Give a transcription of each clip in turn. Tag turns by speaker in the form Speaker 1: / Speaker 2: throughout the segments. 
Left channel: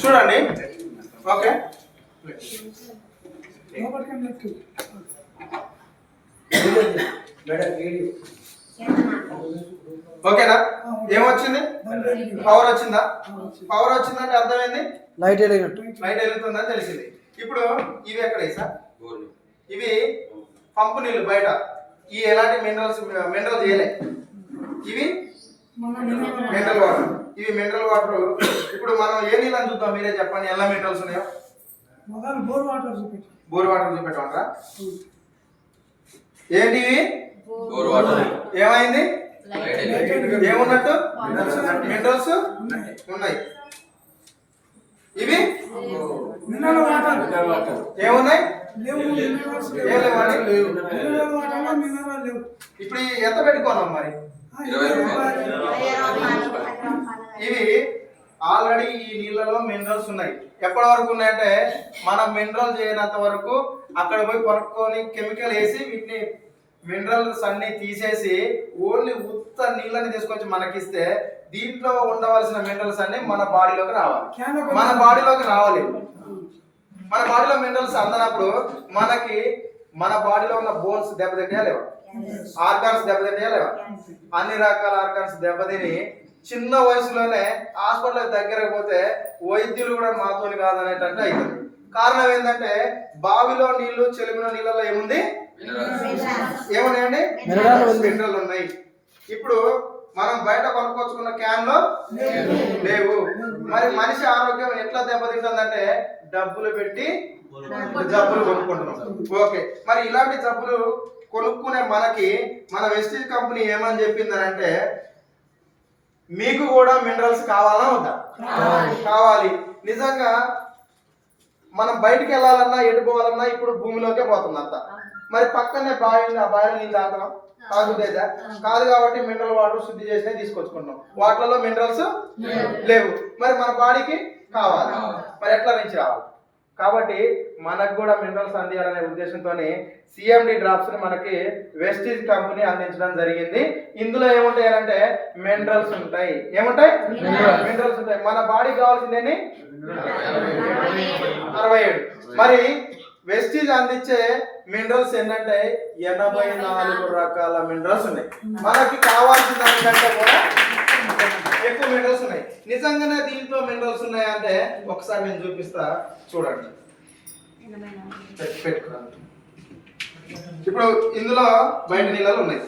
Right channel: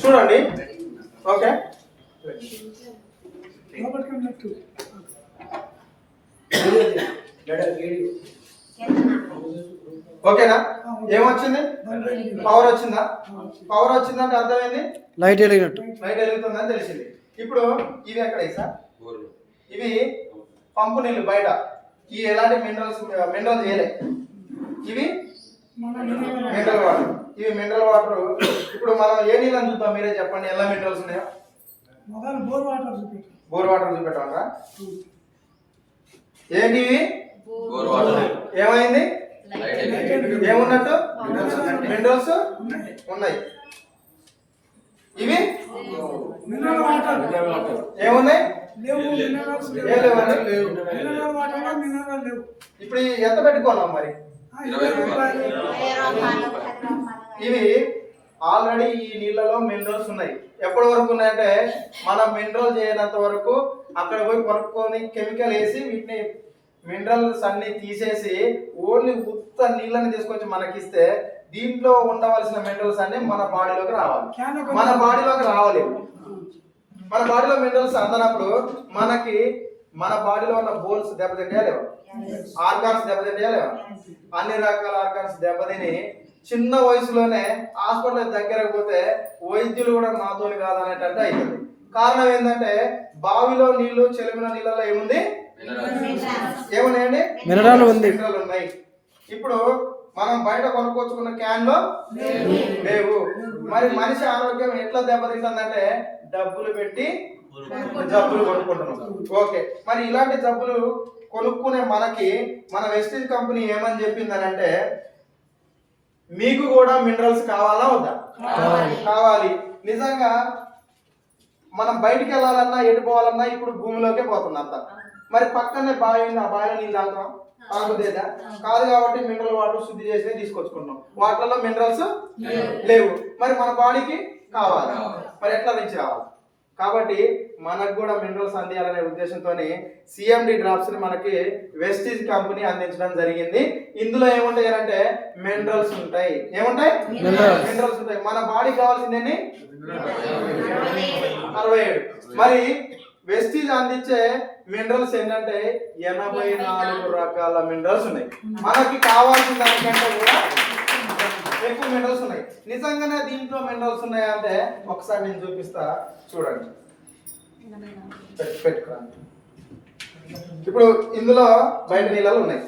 Speaker 1: చూడండి. ఓకే. ఓకేనా? ఏమొచ్చింది? పవర్ వచ్చిందా? పవర్ వచ్చిందంటే అర్థమైంది?
Speaker 2: లైట్ వెలిగినట్టు.
Speaker 1: లైట్ వెలుగుతుందని తెలిసింది. ఇప్పుడు ఇవి ఎక్కడ సార్ ఇవి పంపు నీళ్ళు బయట. ఈ ఎలాంటి మినరల్స్ మినరల్ చేయలే ఇవి మినరల్ వాటర్ ఇవి మినరల్ వాటర్ ఇప్పుడు మనం ఏ నీళ్ళని చూద్దాం? మీరే చెప్పండి. ఎలా మినరల్స్ ఉన్నాయో?
Speaker 3: మొదలు బోర్ వాటర్
Speaker 1: బోర్ వాటర్ చూపెట్టమంటారా? ఏంటి ఇవి?
Speaker 4: Bore water.
Speaker 1: ఏమైంది? ఏమున్నట్టు. మినరల్స్ ఉన్నాయి. ఇవి?
Speaker 3: Mineral water.
Speaker 1: ఏమున్నాయి? ఇప్పుడు ఎంత పెట్టుకున్నాం మరి? ఇవి ఆల్రెడీ ఈ నీళ్ళలో మినరల్స్ ఉన్నాయి. ఎప్పటి వరకు ఉన్నాయంటే మనం మినరల్ చేయనంత వరకు అక్కడ పోయి కొనుక్కొని కెమికల్ వేసి వీటిని మినరల్స్ అన్ని తీసేసి ఓన్లీ ఉత్త నీళ్ళని తీసుకొచ్చి మనకిస్తే దీంట్లో ఉండవలసిన మినరల్స్ అన్ని మన బాడీలోకి రావాలి. మన బాడీలోకి రావాలి. మన బాడీలో మినరల్స్ అందనప్పుడు మనకి మన బాడీలో ఉన్న బోన్స్ దెబ్బతింటాయా లేవా? ఆర్గాన్స్ దెబ్బతింటాయా లేవా? అన్ని రకాల ఆర్గాన్స్ దెబ్బతిని చిన్న వయసులోనే హాస్పిటల్ దగ్గరకు పోతే వైద్యులు కూడా మాతోని కాదనేటట్టు అవుతుంది కారణం ఏంటంటే బావిలో నీళ్ళు చెలిమిన నీళ్ళలో ఏముంది? ఏమున్నాయండి?
Speaker 2: మినరల్ ఉంది.
Speaker 1: మినరల్ ఉన్నాయి. ఇప్పుడు మనం బయట కొనుక్కొచ్చుకున్న క్యాన్లో లేవు. మరి మనిషి ఆరోగ్యం ఎట్లా దెబ్బతింటుందంటే డబ్బులు పెట్టి జబ్బులు కొనుక్కుంటున్నాం. ఓకే. మరి ఇలాంటి జబ్బులు కొనుక్కునే మనకి మన వెస్టీజ్ కంపెనీ ఏమని చెప్పిందనంటే మీకు కూడా మినరల్స్ కావాలా వద్దా? కావాలి. నిజంగా మనం బయటికి వెళ్ళాలన్నా ఎటు పోవాలన్నా ఇప్పుడు భూమిలోకే పోతుంది అంతా. మరి పక్కనే బావి ఉంది, ఆ బావిలో నీళ్ళు తాగుతాం తాగుదేదా కాదు. కాబట్టి మినరల్ వాటర్ శుద్ధి చేసినే తీసుకొచ్చుకుంటున్నాం. వాటిలో మినరల్స్ లేవు. మరి మన బాడీకి కావాలి? మరి ఎట్లా నుంచి రావాలి? కాబట్టి మనకు కూడా మినరల్స్ అందియాలనే ఉద్దేశంతో సిఎండి డ్రాప్స్ని మనకి వెస్టీజ్ కంపెనీ అందించడం జరిగింది. ఇందులో ఏముంటాయి అంటే మినరల్స్ ఉంటాయి. ఏముంటాయి. మినరల్స్ ఉంటాయి. మన బాడీ కావాల్సిందేని అరవై ఏడు. మరి వెస్టీజ్ అందించే మినరల్స్ ఏంటంటే ఎనభై నాలుగు రకాల మినరల్స్ ఉన్నాయి. మనకి కావాల్సిన దానికంటే కూడా ఎక్కువ మినరల్స్ ఉన్నాయి. నిజంగానే దీంట్లో మినరల్స్ ఉన్నాయి అంటే ఒకసారి నేను చూపిస్తా. చూడండి. పెట్టుకురా ఇప్పుడు ఇందులో బయట నీళ్ళలో ఉన్నాయి.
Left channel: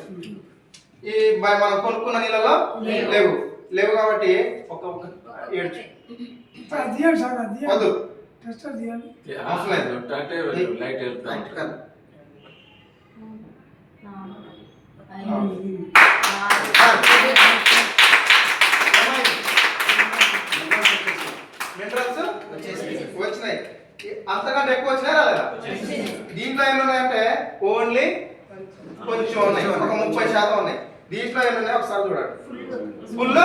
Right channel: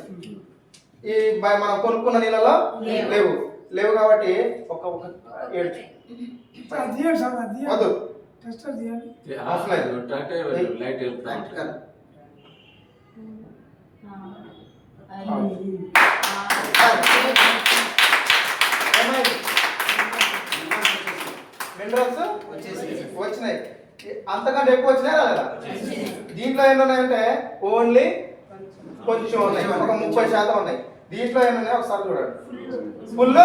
Speaker 1: ఈ బ- మనం కొనుక్కున్న నీళ్ళలో లేవు. లేవు. కాబట్టి ఒక ఒక ఏడు వద్దు. అవసరం లేదు.
Speaker 4: అంటే లైట్ వెళ్తుంది
Speaker 1: కదా. మినరల్స్ వచ్చినాయి అంతకంటే ఎక్కువ వచ్చినాయి రాలేదా దీంట్లో ఎన్ని ఉన్నాయంటే ఓన్లీ కొంచెం ఉన్నాయి ఒక ముప్పై శాతం ఉన్నాయి దీంట్లో ఎన్ని ఉన్నాయి ఒకసారి చూడండి ఫుల్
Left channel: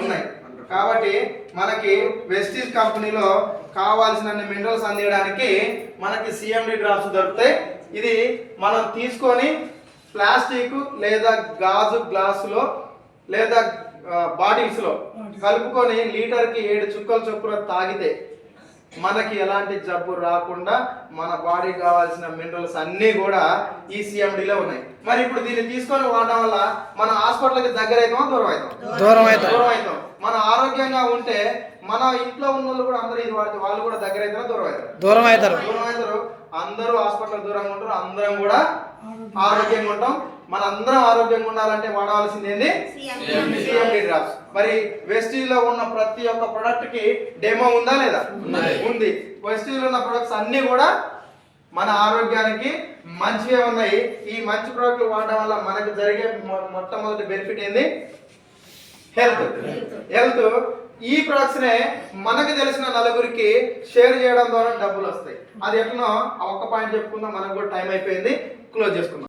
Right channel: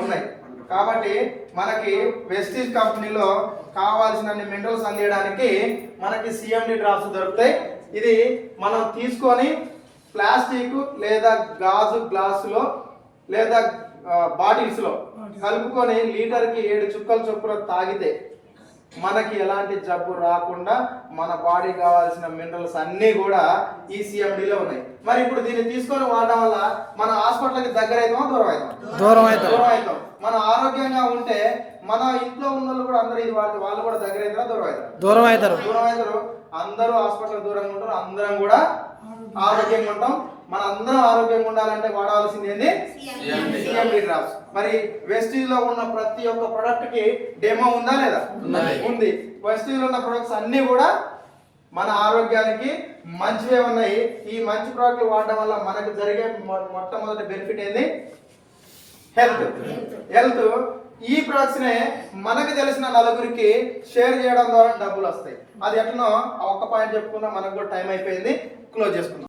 Speaker 1: ఉన్నాయి కాబట్టి మనకి వెస్టీజ్ కంపెనీలో కావాల్సినన్ని మినరల్స్ అందించడానికి మనకి సిఎండి డ్రాప్స్ దొరుకుతాయి ఇది మనం తీసుకొని ప్లాస్టిక్ లేదా గాజు గ్లాసులో లేదా బాటిల్స్. లో కలుపుకొని లీటర్కి ఏడు చుక్కల చొప్పున తాగితే మనకి ఎలాంటి జబ్బు రాకుండా మన బాడీ కావాల్సిన మినరల్స్ అన్నీ కూడా ఈ CMD లో ఉన్నాయి. మరి ఇప్పుడు దీన్ని తీసుకొని వాడడం వల్ల మన హాస్పిటల్కి దగ్గర అవుతామా దూరం అవుతాం
Speaker 2: దూరం అవుతాం.
Speaker 1: దూరం అవుతాం మన ఆరోగ్యంగా ఉంటే మన ఇంట్లో ఉన్న వాళ్ళు కూడా అందరూ ఇది వాడితే వాళ్ళు కూడా దగ్గర అవుతారా దూరం అవుతారు
Speaker 2: దూరం అవుతారు
Speaker 1: దూరం అవుతారు అందరూ హాస్పిటల్ దూరంగా ఉంటారు అందరం కూడా ఆరోగ్యంగా ఉంటాం. మన అందరం ఆరోగ్యంగా ఉండాలంటే వాడవలసింది ఏంది? సిఎండి డ్రాప్స్ మరి వెస్టీజ్లో ఉన్న ప్రతి ఒక్క ప్రొడక్ట్కి డెమో ఉందా లేదా. ఉంది. వెస్టీజ్లో ఉన్న ప్రొడక్ట్స్ అన్ని కూడా మన ఆరోగ్యానికి మంచివే ఉన్నాయి. ఈ మంచి ప్రోడక్ట్లు వాడడం వల్ల మనకు జరిగే మొట్టమొదటి బెనిఫిట్ ఏంది? హెల్త్ హెల్త్ ఈ ప్రొడక్ట్స్ నే మనకు తెలిసిన నలుగురికి షేర్ చేయడం ద్వారా డబ్బులు వస్తాయి. అది ఎట్లనో ఆ ఒక్క పాయింట్ చెప్పుకుందాం. మనకు కూడా టైం అయిపోయింది. క్లోజ్ చేసుకుందాం.